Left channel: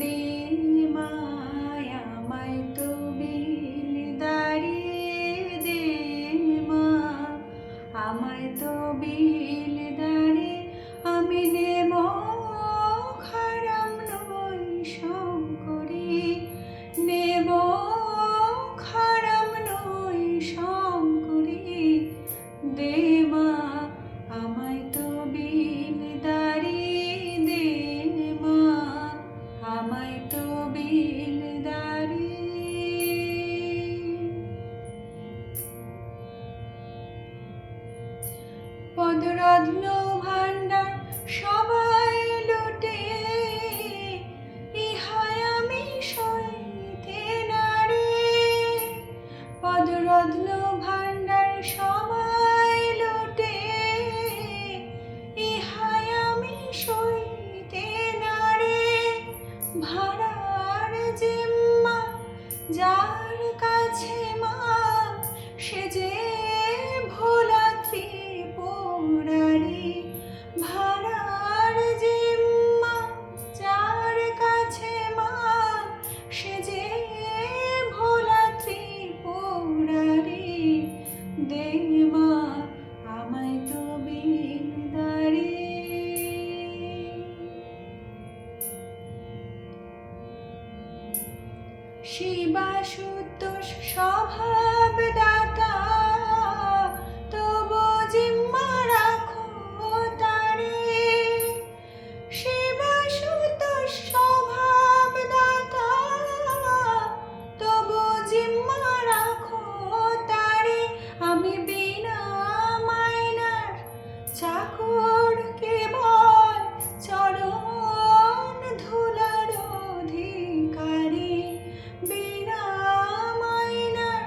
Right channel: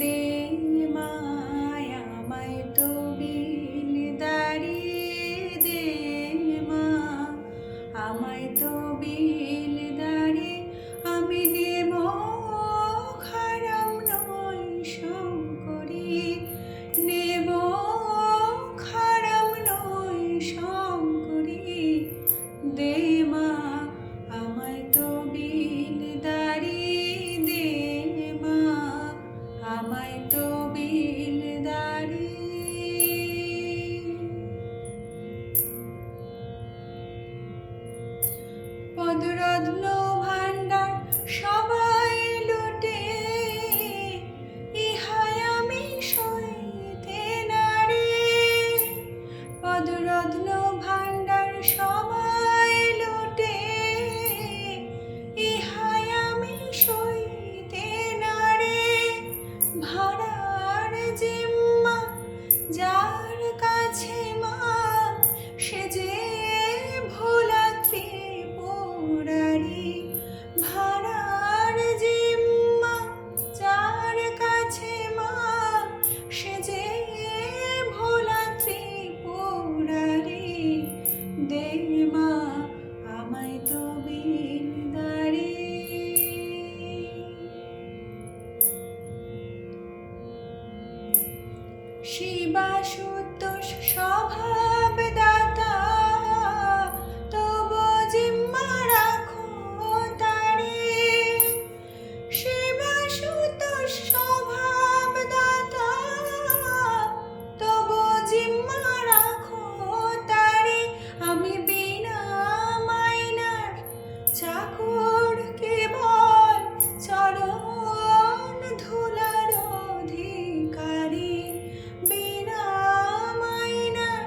দে মায় আমায় তবিল দাঁড়িয়ে দে মা আমায় তবিল দাঁড়িয়ে আমি নেব খারাম নই শঙ্করী নেব খারাম নই শঙ্করী দে মা আমায় তবিল দাঁড়িয়ে দে মা আমায় তবিল দাঁড়িয়ে। পদরত্ন ভাণ্ডার সবাই লুটে ইহায় আমি সইতে নারে। পদরত্ন ভাণ্ডার সবাই লুটে ইহায় আমি সইতে নারে। ভাড়ার জিম্মা যার কাছে মা সে যে ভোলা ত্রিপুরারি। ভাড়ার জিম্মা যার কাছে মা সে যে ভোলা ত্রিপুরারি। দে মা আমায় তবিল দাঁড়িয়ে। শিবাশুতোষ স্বভাব দাতা তবু জিম্মা রাখো তারে। শিবাশুতোষ স্বভাব দাতা তবু জিম্মা রাখো তারে। আমি বিনা মাইনার চাকর কেবল চরণ ধুলার অধিকারী। বিনা মাইনার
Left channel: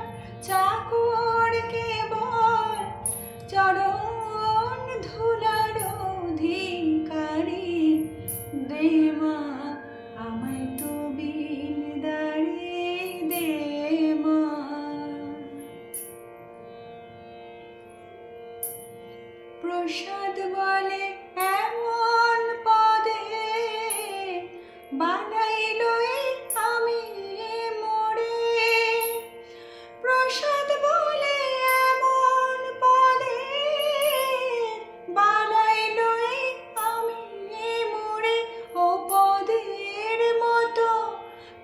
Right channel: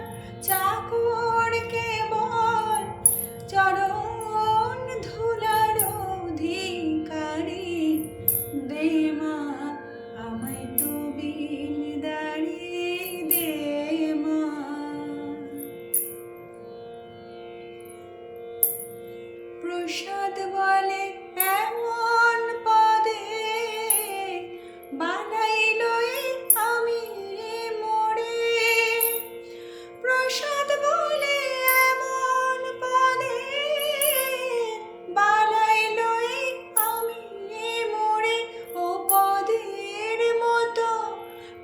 চাকর কেবল চরণ ধুলার অধিকারী। দে মা আমায় তবিল দাঁড়িয়ে দে মা। প্রসাদ বলে এমন পদে বানাইল আমি মোরে। প্রসাদ বলে এমন পদে বানাইল আমি মোরে। ও পদের মতো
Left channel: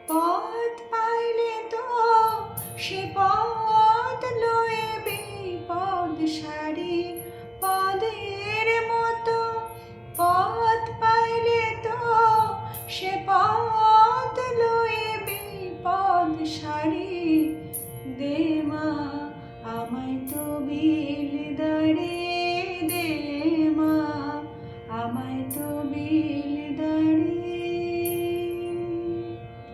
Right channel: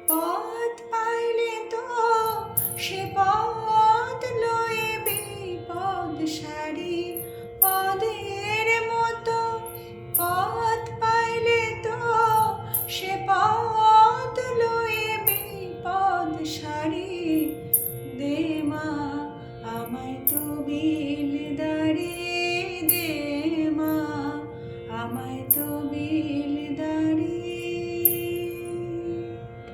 পথ পাইলে তো সে পথ লয়ে বিপদ সারি। পদের মতো পথ পাইলে তো সে পথ লয়ে বিপদ সারি। দে মা আমায় তবিল দাঁড়িয়ে দে মা আমায় তবিল